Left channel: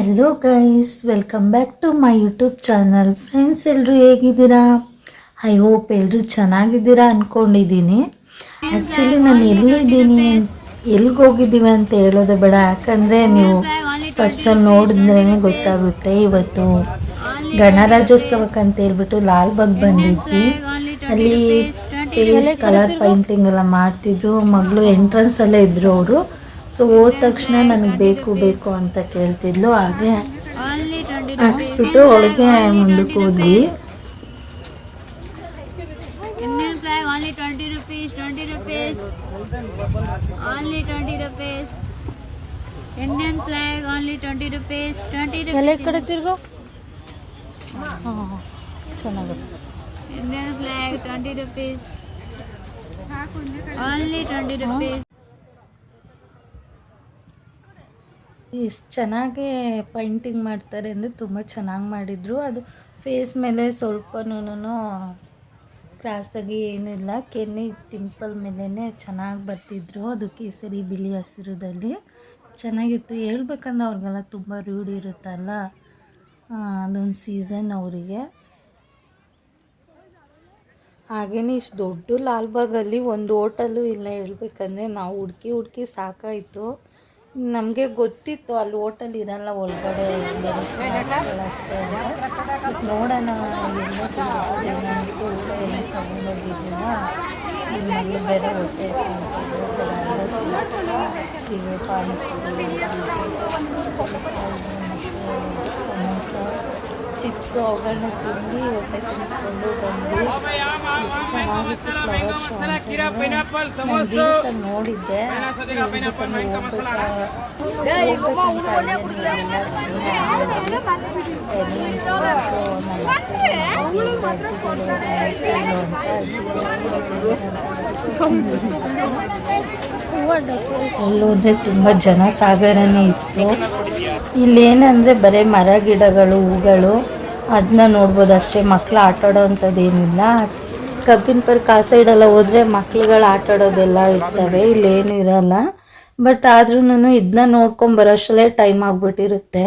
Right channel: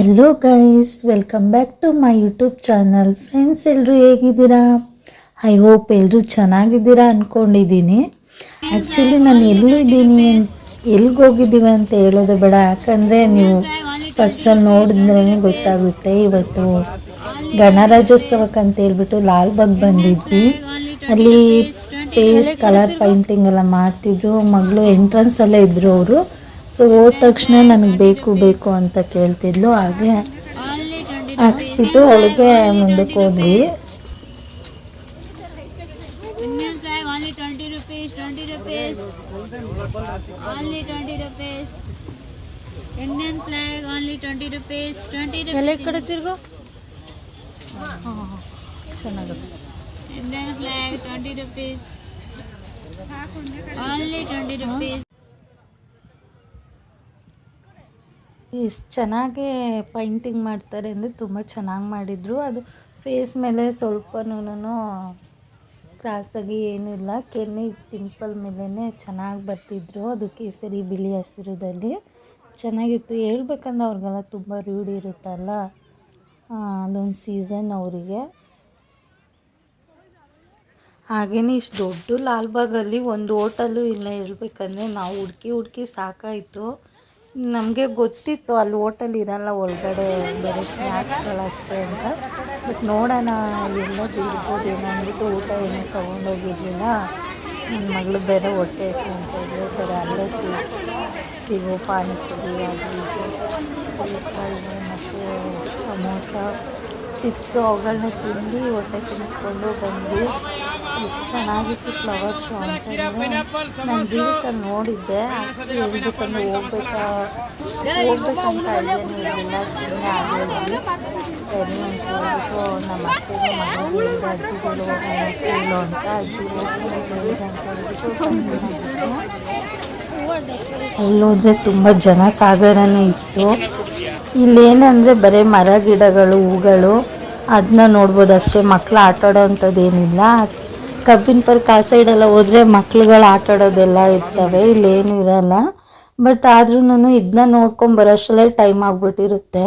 Hello guys, welcome back to my YouTube channel. Friends, ಎಲ್ಲರೂ ಹೇಗಿದ್ದೀರಾ? I hope ಎಲ್ಲರೂ ಚೆನ್ನಾಗಿದ್ದೀರಾ ಅಂದ್ಕೊಂಡಿದ್ದೀನಿ. ಆ್ಯಕ್ಚುಲಿ ನಾನು ಎಲ್ಲಿದ್ದೀನಿ, ಎಲ್ಲಿಗೋಗಿದ್ದೀವಿ ಅಂತ ಹೇಳೋದು ಬೇಡ, ಯಾಕಂದರೆ ನೀವು ಫಸ್ಟಲ್ಲಿ ನೋಡಿದ್ರೇ ಗೊತ್ತಾಗುತ್ತೆ. ಇವತ್ತು ಗಣರಾಜ್ಯೋತ್ಸವಕ್ಕೆ ಅಂತ ಹೇಳ್ಬಿಟ್ಟು ಲಾಲ್ಬಾಗ್ ಬಂದಿದ್ವಿ. ಅಲ್ಲಿ ಫೇಸ್ ಕಲರ್ ಪೈಂಟಿಂಗ್ ಎಲ್ಲ ಮಾಡ್ತಿದ್ರು. ಮಗಳು ಎಂಟ್ರೆನ್ಸಲ್ಲೇ ಇದ್ದರು ಅವರು. ಸೊ ಹೋದ ತಕ್ಷಣ ನನಗೆ ಬೇಕು ಅಂತ ಕೇಳ್ತಿದ್ಲು. ಹಾಗೆ ಹಾಕ್ಸ್ಬಿಟ್ಟು ಒಳಗೆ ಮುಂದಕ್ಕೆ ಹೋದ್ವಿ. ಎಲ್ಲ ಕಡೆ ತಿರ್ಗೋ ಚೆನ್ನಾಗುತ್ತೆ. Indian flag 20 rupees. Only 20 rupees. ಎಷ್ಟು ಚೆನ್ನಾಗಿ ಪೈಂಟಿಂಗ್ ಮಾಡ್ತಾರೆ ಅಂದರೆ ತುಂಬ ಚೆನ್ನಾಗಿ ಮಾಡಿದರು. ಅದು ಫೇಸ್ ಮೇಲೆ ಸ್ವಲ್ಪನೂ ಕ್ರಾಸಾಗಿ ಏನೂ ಇಲ್ಲ, ಕೆನ್ನೆ ಟಿಂಪಲ್ ಮೇಲೇ ಚೆನ್ನಾಗಿ ಬರ್ತಿದ್ರು. ಅದು ಕೇಸರಿ ಬಿಳಿ ಹಸಿರುದಲ್ಲಿ ಚೆನ್ನಾಗಿತ್ತು. ಹೇಳ್ಬೇಕಂದ್ರೆ ಅವ್ರಿಗೆಲ್ಲ ತುಂಬ ರೂಢಿ ಇರುತ್ತಲ್ಲ, ಅದೊಂದು ಸೀಸನ್ ಅವರಿಗೆ. ಹಾಗೆಯೇ ಇಷ್ಟು ದೊಡ್ಡ ಲಾಲ್ಬಾಗಲ್ಲಿ ಒಂದು ಹೋಟೆಲು ಇಲ್ಲ. ಹೇಳ್ಬೇಕಂದ್ರೆ ನಾವು ಹುಡುಕಿ ಸಾಕಾಯಿತು. ನಮಗೆ ಗೊತ್ತಿತ್ತು ಅಲ್ಲಿ ಹೋಟೆಲ್ ಇರಲ್ಲ, ಒಳಗಡೆ ಬೇರೆ ಸ್ನ್ಯಾಕ್ಸ್ಗಳಷ್ಟೇ ಅಂತ. ಬಟ್ ನೋಡೋಣ ಎಲ್ಲ ತಿಳ್ಬೋದೇನೋ ಅಂದ್ಬಿಟ್ಟು ಊಟ ಏನೂ ತೊಗೊಂಡೋಗಿರಲಿಲ್ಲ. ನನ್ನ ಮಗಳು ಬೇರೆ ಹೊಟ್ಟೆ ಹಸ್ಕೊಂತಿದ್ರು. ಬೇರೆ ಅಲ್ಲೇ ಸಿಗೋ ಪಾನಿಪುರಿ ಮತ್ತು ಸಮೋಸ ಚಿಪ್ಸು ಅವುಗಳನ್ನ ತಿಂದು ಹೊಟ್ಟೆ ತುಂಬಿಸ್ಕೊಂಡು ಬಂದ್ವಿ. ಎಷ್ಟು ಚೆನ್ನಾಗಿತ್ತು ಫ್ಲವರ್ ಶೋ ಅಂತಂದರೆ. ನಾನು ರೀಲ್ಸಲ್ಲಿ ನೋಡಿದ್ದೆ. ಆ್ಯಕ್ಚುಲಿ ಹೇಳ್ಬೇಕಂದ್ರೆ ಹೋಗ್ಬೇಕಂತ ಇರಲಿಲ್ಲ, ಸುಮ್ಮನೆ ಆಗಿದ್ವಿ. ಸರಿ ಅಂತ ಹೇಳ್ಬಿಟ್ಟು ನಮ್ಮ ಅತ್ತೆಗೆ ಮನೆಗೆ ಹೇಳಿದೆ, ಅಜ್ಜಿಗಳು ಹೋಗ್ತಿಲ್ಲ ಅಂತ. ಅಜ್ಜಿ ಹೋಗ್ತಿಲ್ಲ ಅಂತ ಹೇಳ್ಬಿಟ್ಟು ಅಲ್ಲೋದ್ರೆ ತುಂಬ ಜನ ಸಾಗರನೇ ಇತ್ತು. ಇಲ್ಲೇನಂದರೆ ಬರೀ ಮರ ಗಿಡಗಳು ಹೂಗಳು ಅದನ್ನ ನೋಡ್ಬೋದು ಅಷ್ಟೇ. ಮಕ್ಕಳು ಆಟಾಡೋ ಅಂಥದ್ದು ಏನಿಲ್ಲ. ಕಬ್ಬಿನ ಪಾರ್ಕ್ ಆ ಸೈಡೆಲ್ಲ ಹೋದರೆ ಮಕ್ಳುಗಳು ಆಟಾಡೋದೆಲ್ಲ ಇರ್ತವೆ, ಇಲ್ಲೇನು ಇರೋಲ್ಲ. ಬಟ್ ಆದ್ರೂ ಇದನ್ನ ನೋಡ್ಕೊಂಬರೋಷ್ಟರಲ್ಲೇ ಟೈಮ್ ಆಗಿಬಿಟ್ಟಿರುತ್ತೆ.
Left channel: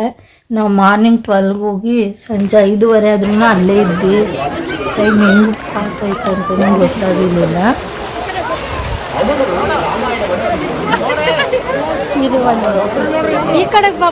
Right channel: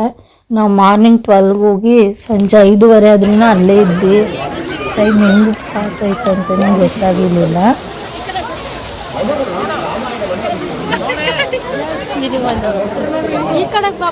ನಾವು ಮಾರ್ನಿಂಗ್ 12ಗೆ ಹೋಗಿ ಸಂಜೆ 5:30 ಆದ್ರೂ ಅಲ್ಲೇ ಇದ್ವಿ. ಟೈಮ್ ಹೆಂಗೆ ಪಾಸ್ ಆಯ್ತು ಅಂತಲೇ ಗೊತ್ತಾಗಿರಲಿಲ್ಲ. ಈ ಕಡೆಗೆ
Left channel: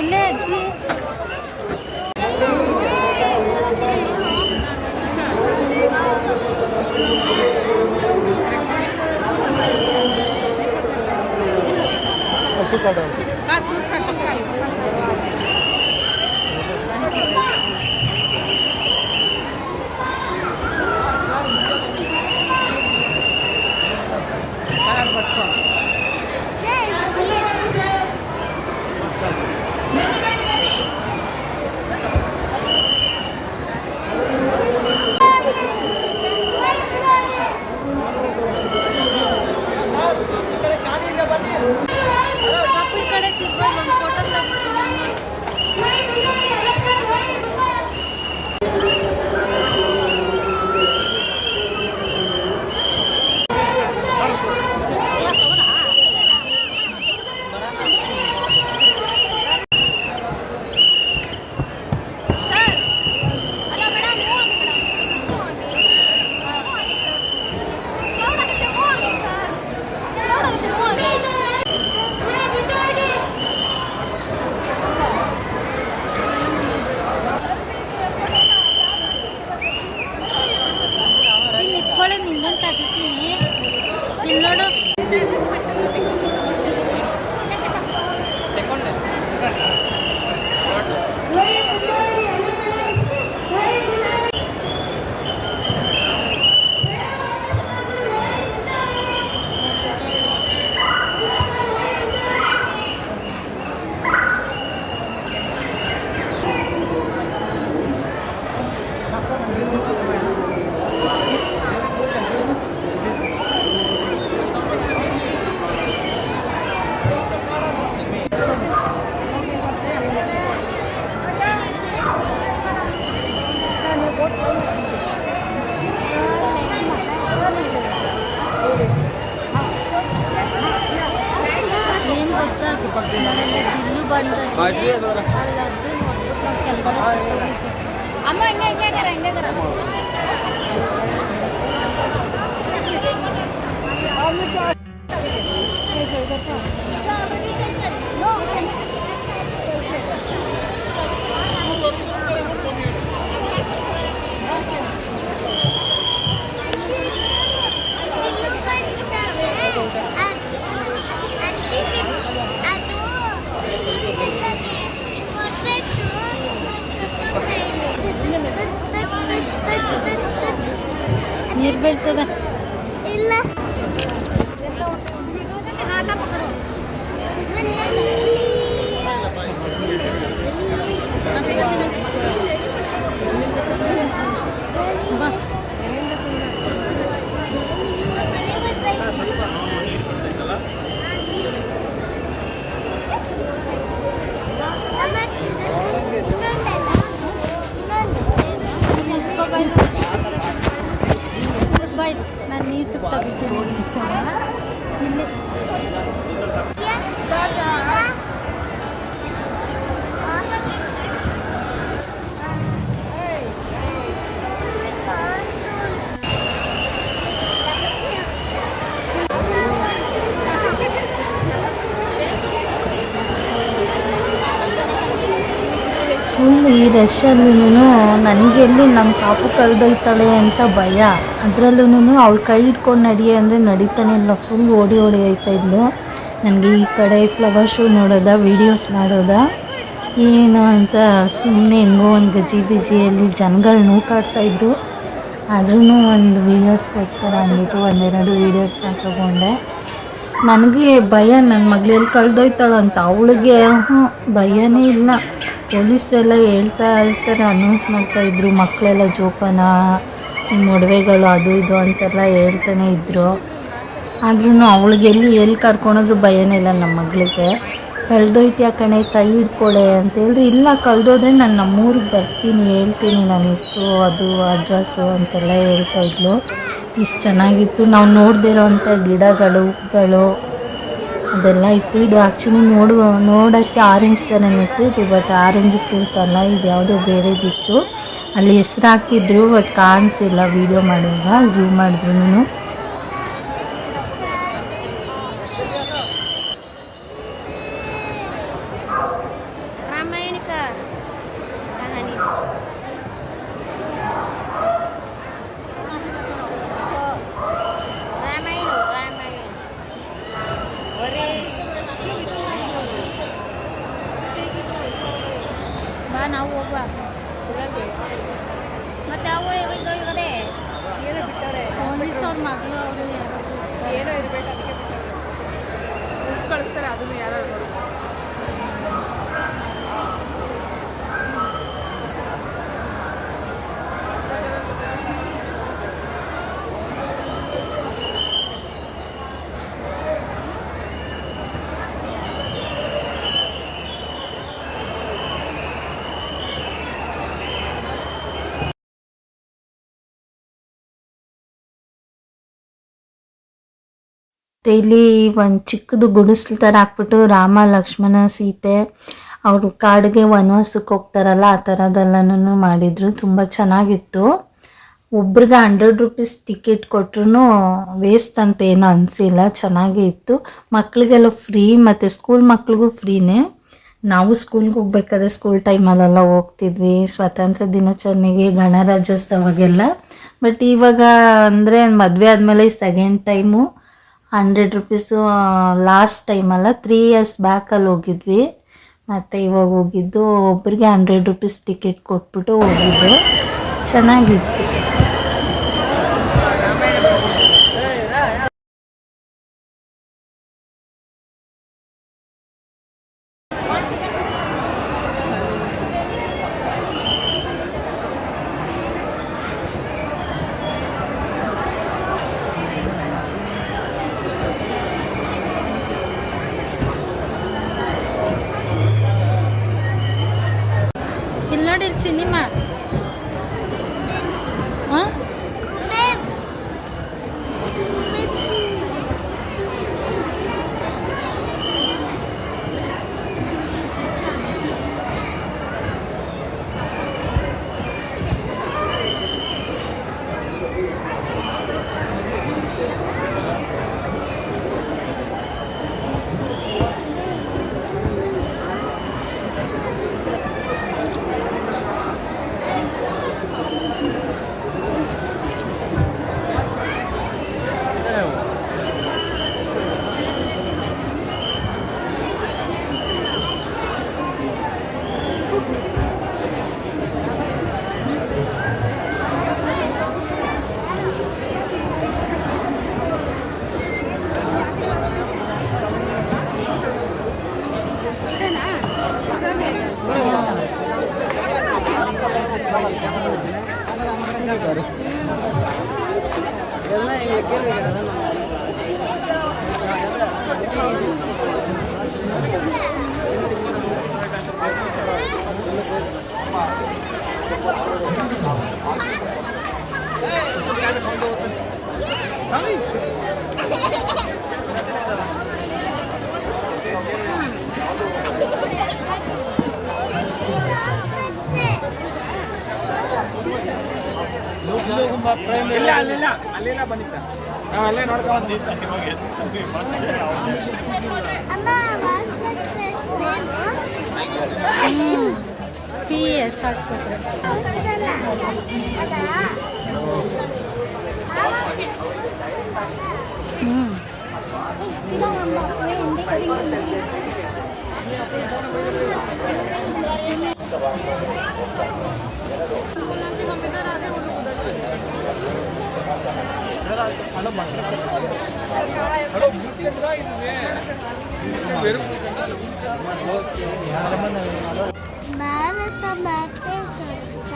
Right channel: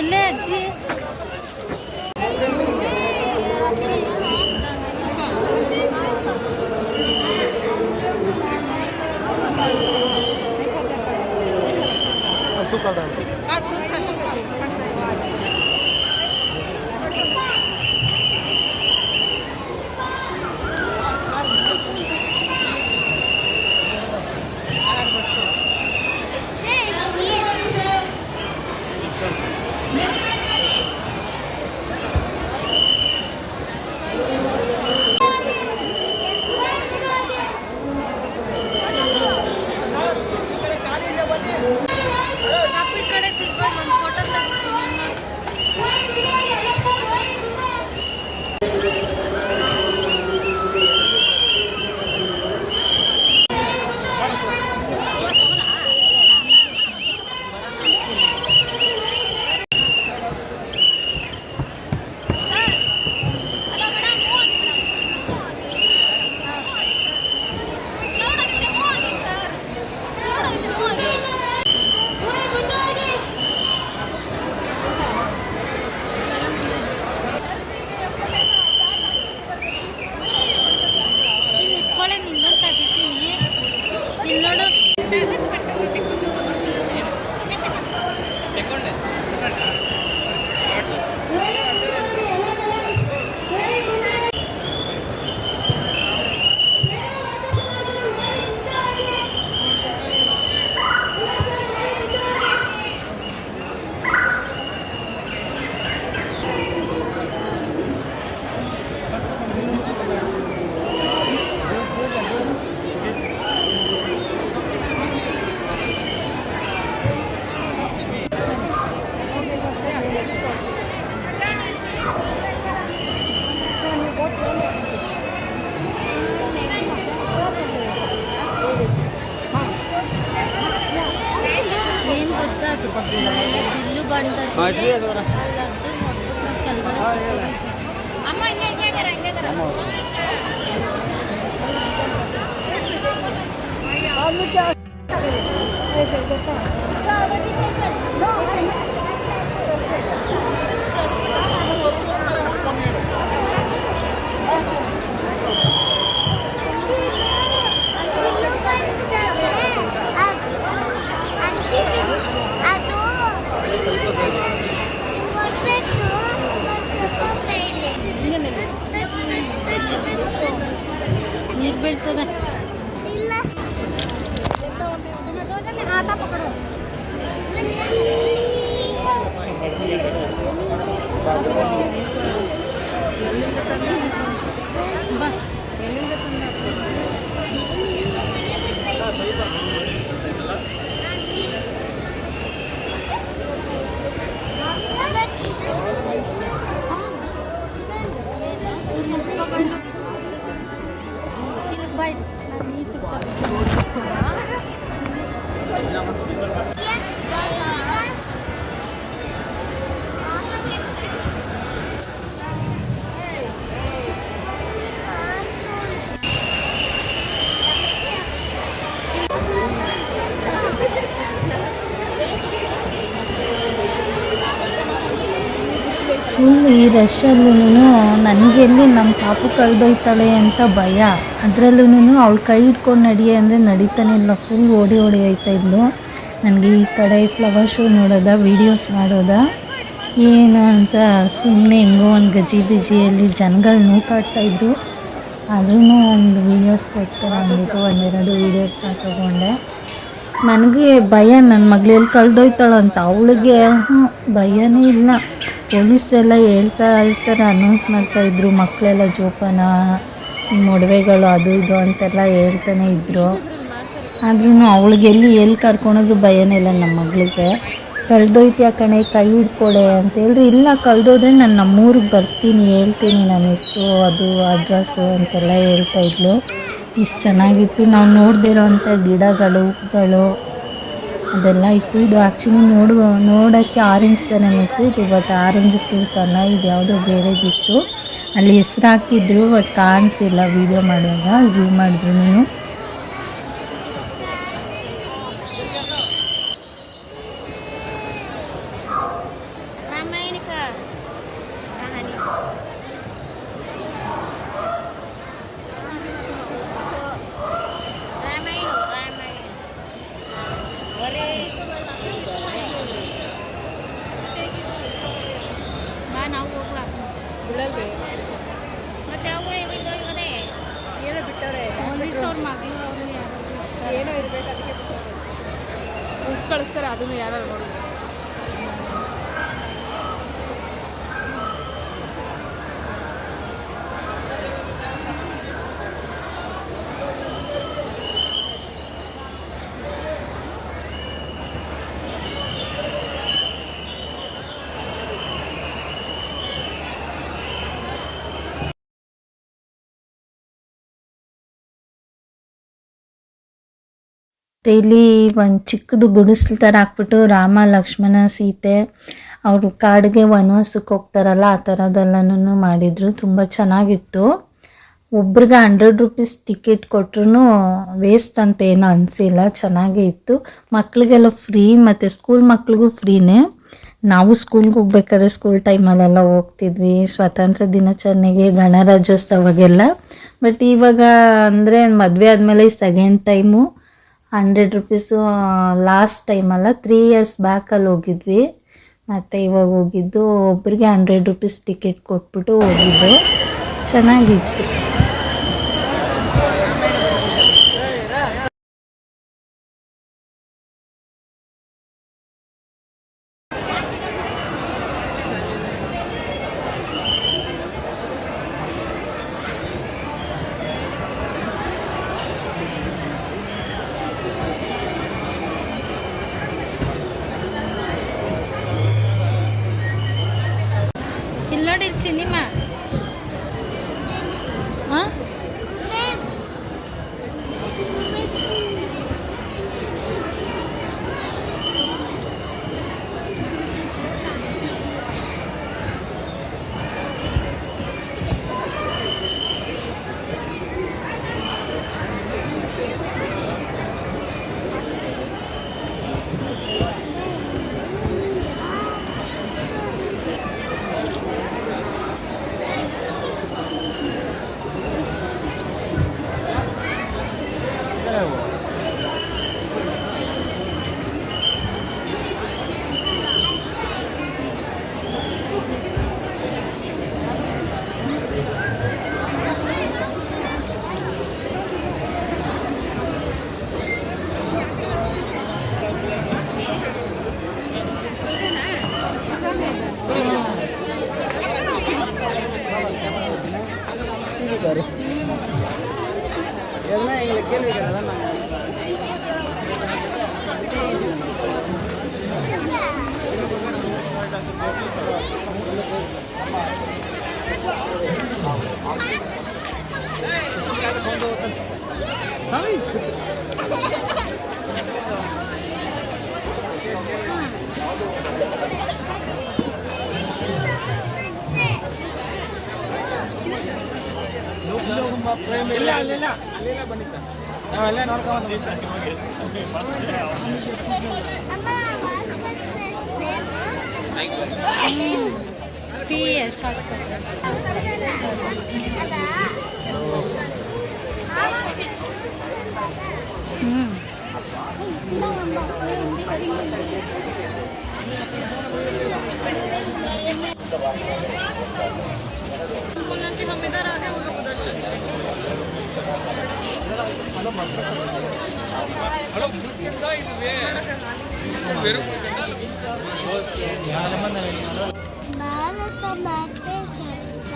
ಇಲ್ಲೇ ಅಜ್ಜಿ ಏನು ಗೊತ್ತಾ ನನಗೆ ಬಿಲ್ಲು ಬಂದದ್ದು ಅಲ್ಲದ್ದು ನೋಡ್ಬಿಟ್ಟು ನಾವು ಕೆಳಗಡೆ ಸಿಕ್ಕೋಗಿದ್ದೆ. ಅಮ್ಮ ಹಿಂಗೆ ನೀರು ಬೀಳ್ತದ. ಬಾ ಬಾಯ್ ನಾನು ನೀರು ತೆಗಿತೀನಿ ಇಲ್ಲಿ ಫುಲ್ ಈ ರಶಲ್ಲೂ ನನಗೆಲ್ಲಿ ನಮ್ಮ ಪಾಪು ಕಳೆದೊಯ್ತಾಳೆ ಅಂತ ಭಯ. ಅದರಲ್ಲೂ ಅವಳು ಕೈ ಹಿಡ್ಕೊಂಡು ನಡಿಯೇ ಅಂದರೆ ನಡೀತಾನೆ ಇಲ್ಲ, ಫುಲ್ ಓಡಿ ಹೋಯ್ತಾ ಇದ್ಲು. ನನಗೆ ಈ ಕಡೆ ಫ್ಲವರ್ ಶೋ ನೋಡೋದ, ವೀಡಿಯೋಸ್ ಮಾಡೋದ ಏನು ಅಂತ ಸುಮ್ಮನೆ ಹೆಂಗೋ ಒಂದು ಗಜಿಬಿಜಿಯಲ್ಲಿ ಜನಗಳು ನೂಕಾಡ್ತಾಯಿದ್ರು. ಆದ್ರೂ ಒಂದು ವೀಡಿಯೋಸ್ಗೋಸ್ಕರ ಅಂದ್ಬಿಟ್ಟು ಒಂದೆರಡು ವೀಡಿಯೋಸ್ನ ತೊಗೊಂಡೆ. ನನಗೆ ಭಯ, ನನ್ನ ಮಗಳು ಎಲ್ಲಿ ಕಳೆದೋಯ್ತಾಳೋ ಅಂತ. ಅವಳಿಗೆ ಭಯನೇ ಇಲ್ಲ. ಪೊಲೀಸರೆಲ್ಲ ಹೇಳ್ತಾ ಇರ್ತಾರೆ, ಅನೌನ್ಸ್ ಮಾಡ್ತಾಯಿದ್ರು, ಮಕ್ಕಳೆಲ್ಲ ಜೋಪಾನ, ನಿಮ್ಮ ಒಡವೆಗಳು ಅದು ಇದು ಅಂತೆಲ್ಲ ಹೇಳ್ತಾನೆ ಇದ್ದರು. ಆದ್ರೂ ಅವಳಿಗೆ ಎಲ್ಲಿ ಕರ್ಕೊಂಡೋದ್ರು ಭಯನೇ ಇಲ್ಲ. ನಮ್ಮ ಮಗಳಿಗೆ ಕಳೆದೋಯ್ತು ಕಣೆ, ಕೈ ಹಿಡ್ಕೊಳೆ ಅಂತ ಹೇಳಿದ್ರೆ, ಇಲ್ಲ ಕಳೆದೋದ್ರೆ ನಾನು ನಮ್ಮೂರಿಗೆ ಬರ್ತೀನಿ, ಹೇಳ್ತೀನಿ ನನ್ನ ಹೆಸರು, ಅದು ಅಡ್ರೆಸ್ಸು ಅಂತೆಲ್ಲ ಹೇಳ್ತಾಯಿದ್ಲು. ಇಷ್ಟು ಚೆನ್ನಾಗಿತ್ತು. ನಾವು ನೋಡದಿರೋ ಅಂಥ ಗಿಡಗಳು ಅದೆಲ್ಲ ಇತ್ತು. ಇದು ಆ್ಯಕ್ಚುಲಿ ನೋಡೋಕ್ಕೆ ಆರೆಂಜ್ ಥರನೇ ಇತ್ತು ಇದು, ಬಟ್ ಆರೆಂಜ್ ಫ್ರೂಟ್ಸ್ ಅಲ್ಲ, ಇದು ಯಾವುದೋ ಬೇರೆದಿತ್ತು. ಅಲ್ಲಿ ಹೆಸ್ರು ಹಾಕಿದ್ರು, ಬಟ್ ಕಾಣಿಸಿಲ್ಲ ವೀಡಿಯೋ ಮಾಡುವಾಗ, ಝೂಮ್ ಮಾಡಿದ್ರು. ನಾವು ಹೋಗುವ ಮತ್ತೆ ಪೊಲೀಸ್ ಅವ್ರ ಮಗಳು ಅವರು ಯಾರೋ ಏನೋ ಇರಬೇಕು, ಅದಕ್ಕೆ ಕಳಿಸ್ತಾರೆ. ಅದನ್ನು ಯಾರು ನೋಡಿ ಇಲ್ಲಿ ಒಂದು ಚಿಕ್ಕದು ಗುಡಿಸ್ಲು ಥರ ಹಾಕ್ಬಿಟ್ಟು ರಾಮ ಲಕ್ಷ್ಮಣ ಸೀತೆ ಅವರು ಕಾಡಿಗೆ ವನವಾಸಕ್ಕೆ ಹೋಗ್ತಾರಲ್ಲ, ಆ ಥರದ್ದೆಲ್ಲನೂ ಮಾಡಿದರು. ತುಂಬ ಚೆನ್ನಾಗಿತ್ತು. ಒಬ್ರಿಗೆ 100 ರೂಪೀಸ್ ಟಿಕೆಟ್ ಕೊಟ್ರು ವೇಸ್ಟ್ ಅಂತ ಏನೂ ಅನಿಸಿಲ್ಲ, ಚೆನ್ನಾಗೇ ಇತ್ತು. ಮಕ್ಕಳಿಗೆಲ್ಲ ಫ್ರೀ, ಮತ್ತು ಸ್ಕೂಲ್ ಮಕ್ಳಿಗೂ ಫ್ರೀನೇ. ನಾವು ಸ್ಕೂಲ್ಗೆ ಹೋಗ್ಬೇಕಾದ್ರೆ ಸ್ಕೂಲ್ ಟೈಮಲ್ಲೆಲ್ಲ ಹೋಗ್ತಿದ್ವಿ, ಸ್ವಾತಂತ್ರ್ಯ ದಿನಾಚರಣೆಗೆ, ಗಣರಾಜ್ಯೋತ್ಸವಾಗೆಲ್ಲ. ಬಟ್ ಇವಾಗ ಅಂದರೆ ಮದುವೆ ಆದಮೇಲೆ second time 100 rupees last ಟೈಮಲ್ಲ 3 years ಬ್ಯಾಕಲ್ಲಿ ಹೋಗಿದ್ವಿ. ಮತ್ತು ಇವಾಗ ಹೋಗಿದ್ದು ಒಬ್ಬರಿಗೆ 100 ರೂಪೀಸ್ ಟಿಕೆಟ್ ಕೊಟ್ಬಿಟ್ಟು ಹೋಗಿದ್ದು. ಚೆನ್ನಾಗಿತ್ತು. ಇಲ್ಲಿ ನೋಡಿ ಸಿನಿಮಾ ಹಾಂ ಅಲ್ಲೆಲ್ಲ ಬಂದಿತ್ತ ನಾವು ಅಲ್ಲೇ ನೋಡ್ಕೊಂಡು PS ಆಸ್ಪತ್ರೆ ಭಾರತ ಮಾತೆ ಸ್ವಚ್ಛ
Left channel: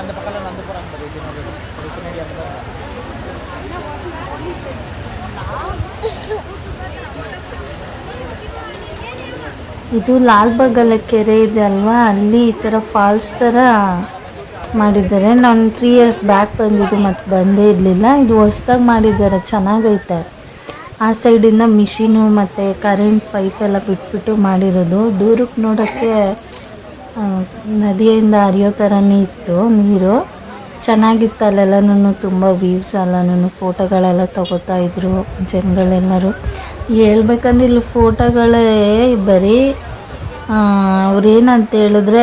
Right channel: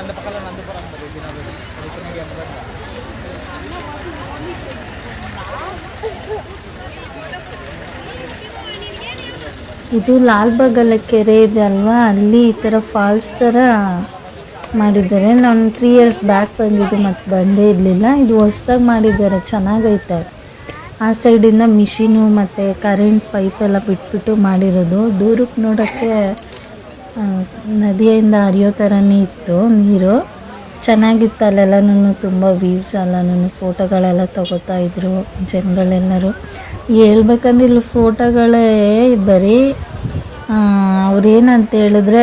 அந்த பக்கம் நடந்து போறாங்க ಇದು ಲಾಲ್ಬಾಗಲ್ಲ ಕೆರೆ ಇದೆ ಅಲ್ವಾ, ಅಲ್ಲಿ ಈ ಥರ ಫಾಲ್ಸ್ ಥರ ಮಾಡಿದ್ದಾರೆ. ನಾನು 3 ಇಯರ್ಸ್ ಬ್ಯಾಕ್ ಬಂದಿದ್ದು ಮತ್ತು ಬಂದೇ ಇರಲಿಲ್ಲ. ಇದು ಹೊಸ್ದಾಗಿ ಮಾಡಿದ್ದಾರೆ, ಚೆನ್ನಾಗೈತೆ. ಆ ಸೈಡಿಂದ ಮಿಷಿನು ಮತ್ತು ಕರೆಂಟ್ ಪೈಪೆಲ್ಲ ಬಿಟ್ಬಿಟ್ಟು ಮಾಡಿರೋದು. ದೂರಕ್ಕೆ ನೋಡೋಕ್ಕೆ ನದಿಯಿಂದ ಹರಿಯೋ ಥರನೇ ಇತ್ತು ನೀರು. ಚೆನ್ನಾಗಿತ್ತು. ಅಲ್ಲೆಲ್ಲನೂ ತುಂಬ ವ್ಯೂಸ್ ಎಲ್ಲನೂ ಫೋಟೋಗಳೆಲ್ಲ ತಗೋತಾ ಇದ್ರು ಜನಗಳೆಲ್ಲರೂ. ಹೇಳ್ಬೇಕಂದ್ರೆ ಇಲ್ಲಿ ಫೋಟೋಗಳೇ ಬರೀ ಅವ್ರೇನಂತ ಹೇಳಿದ್ರೆ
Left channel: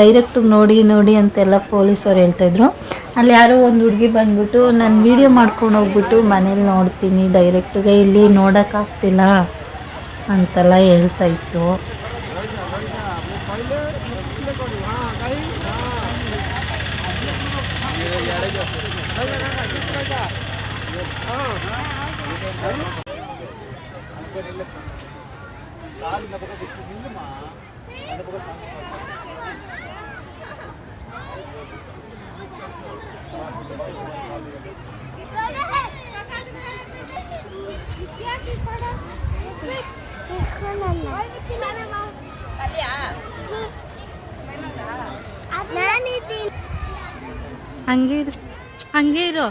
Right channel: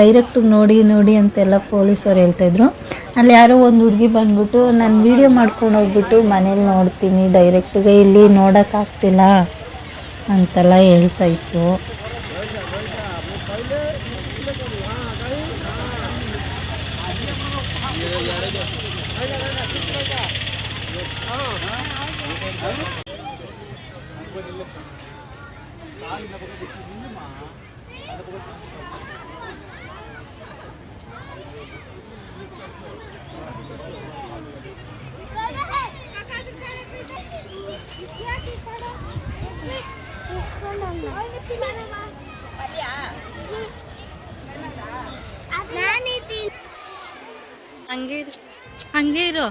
ಡೈರೆಕ್ಟಿಗೆ ನೋಡಿ ಅಂತೆಲ್ಲ ಪೊಲೀಸವ್ರು ಹೇಳ್ತಾಯಿದ್ರು. ಅಲ್ಲಿ ಯಾರೋ ಒಂದು ಹುಡುಗಿ ಬಂದ್ಬಿಟ್ಟು ನಾನು ವೀಡಿಯೋ ಮಾಡ್ಕೊಂಡು ಹೋಗ್ಬಿಟ್ಟು ಮನೇಲಿ ನೋಡ್ತೀನಿ, ಡೈರೆಕ್ಟಿಗೆ ಇಲ್ಲಿ ನೋಡೋಕ್ಕಾಗ್ತಿಲ್ಲ ಅಂತೆಲ್ಲ ಹೇಳ್ತಾಯಿತ್ತು. ಹಂಗೆ ಇರು, ಹಂಗೆ ಇರು.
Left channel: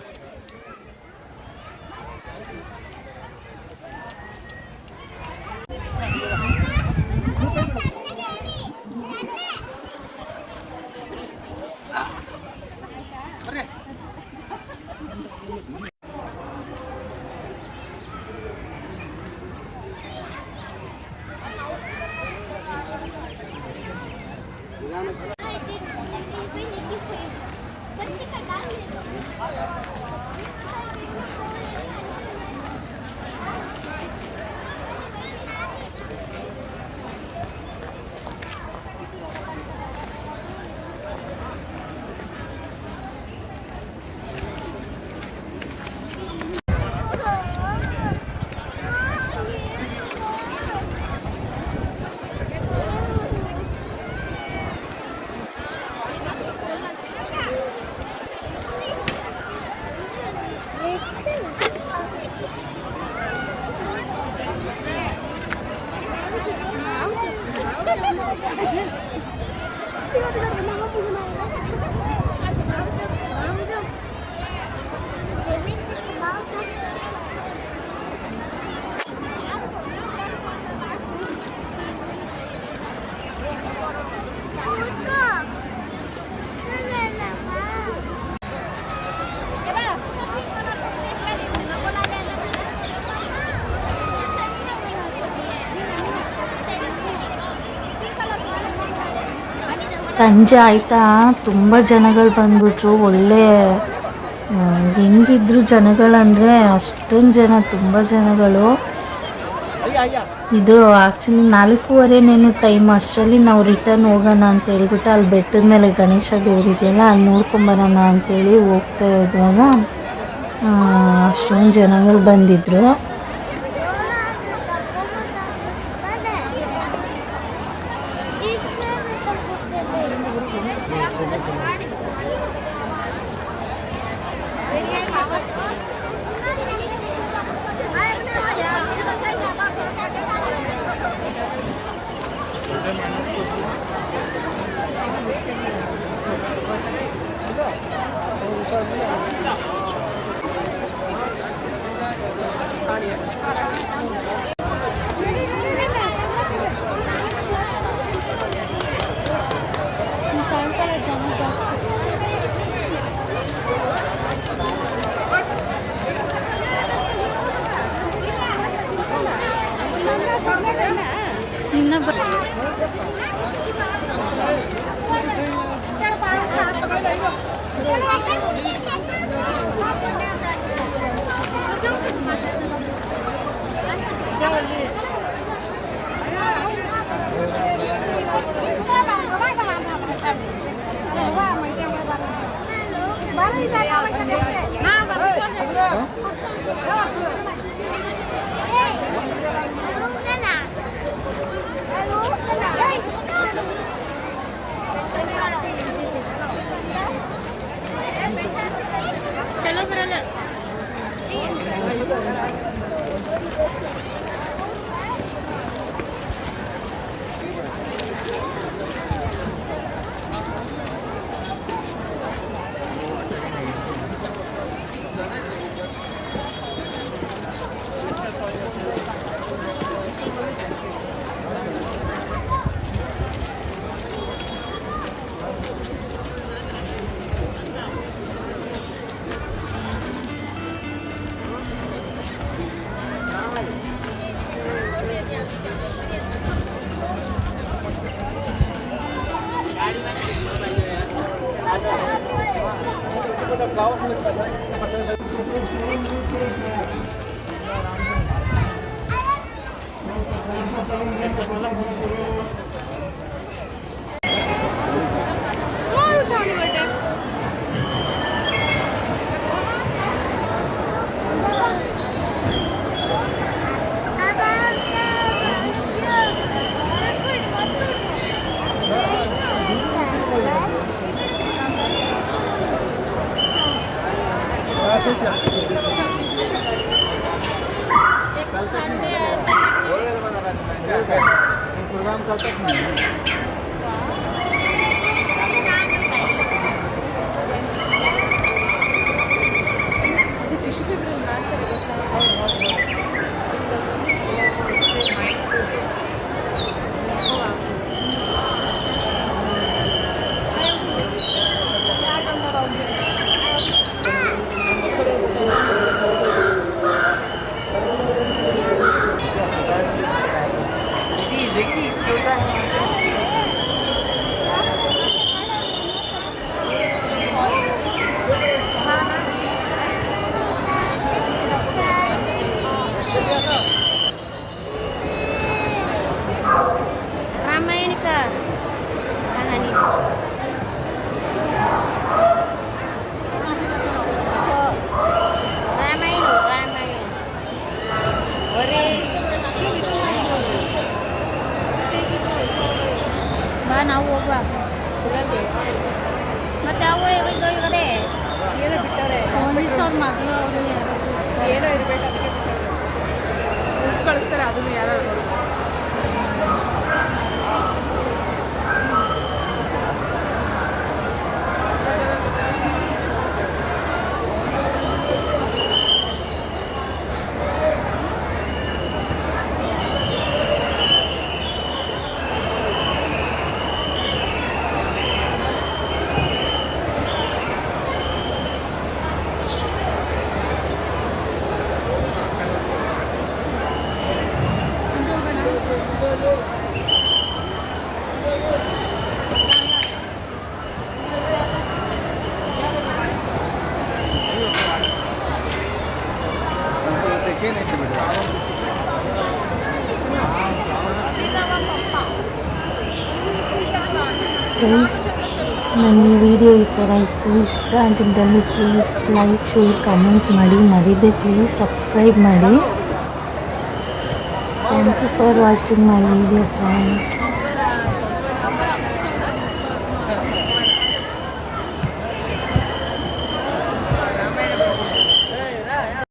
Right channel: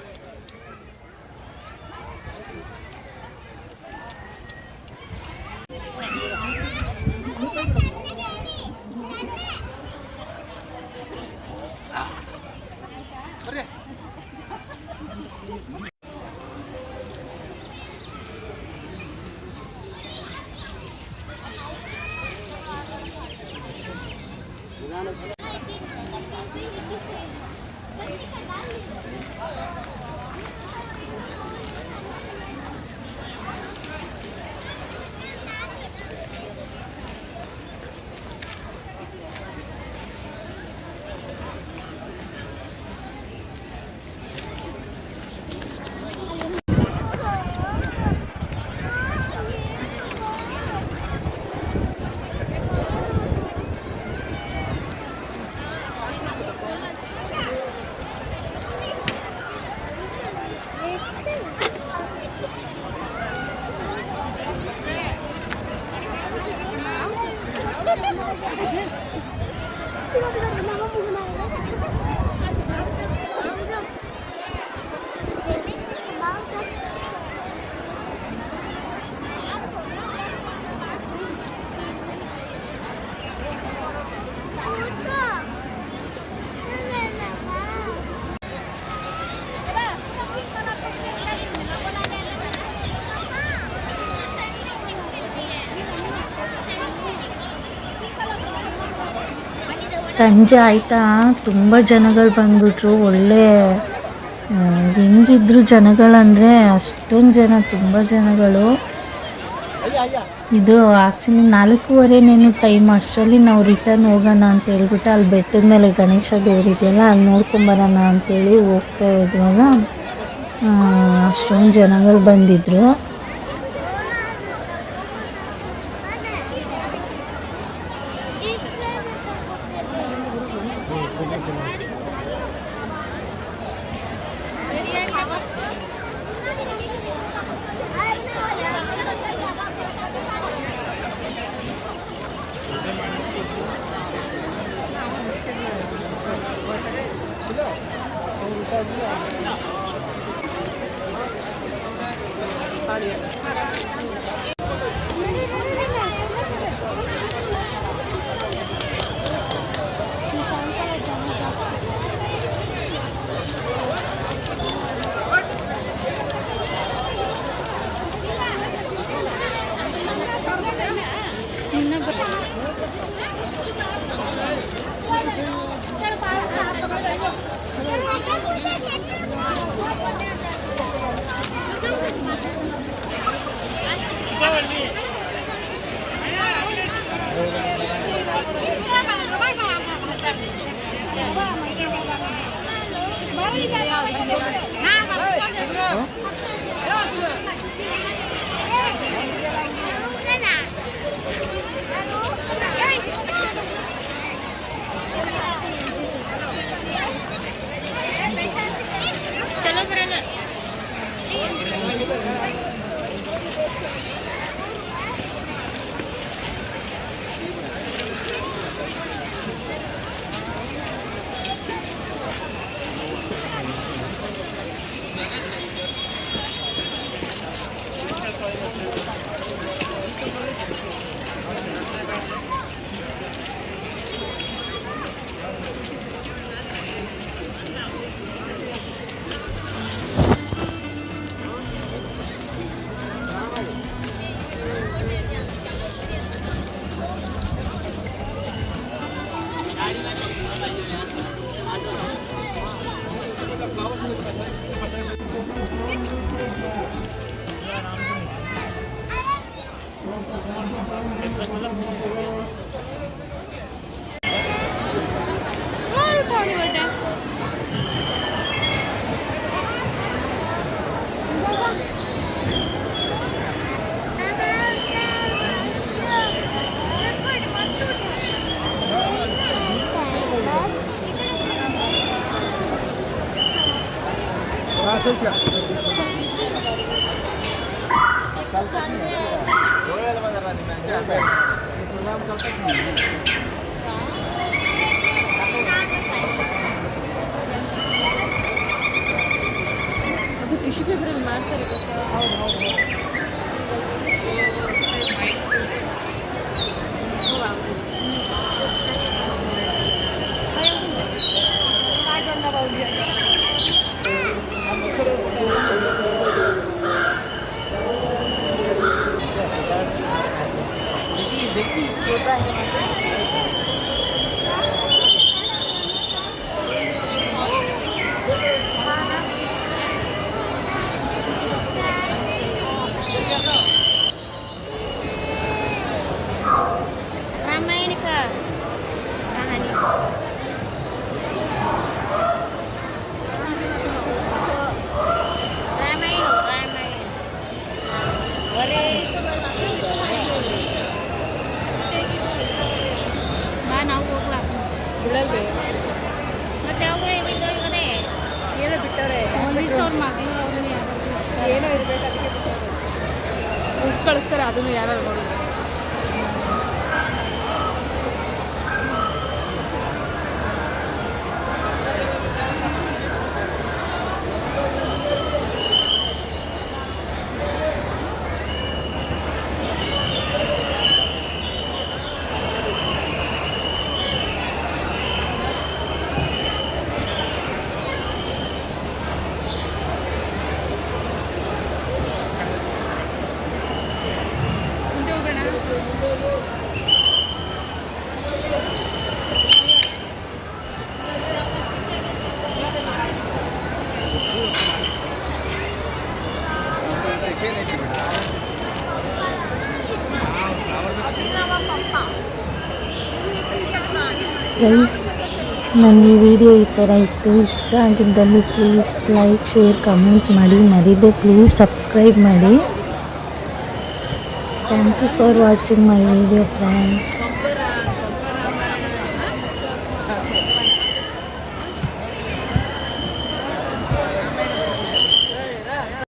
ಸಂಜೆ ಆಯ್ತಾ, ತುಂಬ ಜನಗಳು ಬಂದ್ಬಿಟ್ರು. ಒಳ್ಳೆ ಹೆಂಗಿದ್ರು ಜನಗಳಂದರೆ ಅಷ್ಟೊಂದು ಜನ, ತುಂಬ ಜನಗಳು. ಇದು ಆ್ಯಕ್ಚುಲಿ 4:15 ಟೈಮ್. ಅಷ್ಟರಲ್ಲಿ ನಾವು ರಿಟರ್ನ್ ಹೋಗೋಣ ಅಂತ ಹೇಳ್ಬಿಟ್ಟು ಅಲ್ಲಿ ಬೆಟ್ಟದ ಮೇಲೆ ಗಣೇಶ ದೇವರಿದೆಯಲ್ಲ, ಅಲ್ಲಿ ನೋಡ್ಕೊಂಬರೋಣ ಅಂತೇಳಿ ಹೋಗ್ತಾ ಇದ್ವಾಗ ಅಷ್ಟೊಂದು ಜನಗಳು ಬಂದಿದ್ದರು. प्रोग्राम ಅವ್ರ ಮಗಳು ಅವರು ಯಾರಾದ್ರು ಏನೋ ಇರಬೇಕು ಅದಕ್ಕೆ ಕಳಿಸ್ತಾರೆ ಅದನ್ನು ಯಾರು ಮುಂದೆ ಹೋಗೋಣ. ಗೈಸ್, ನನ್ನ ಈ ವಿಡಿಯೋ ಈ ಥರ ಇತ್ತು, ಇಷ್ಟ ಆಗಿದ್ದಲ್ಲಿ ಪ್ಲೀಸ್ ಲೈಕ್, ಶೇರ್, ಕಮೆಂಟ್ ಮಾಡಿ, ಮರಿದೆ ಪ್ಲೀಸ್ ಸಬ್ಸ್ಕ್ರೈಬ್ ಮಾಡಿ. Thank you for watching my video friends.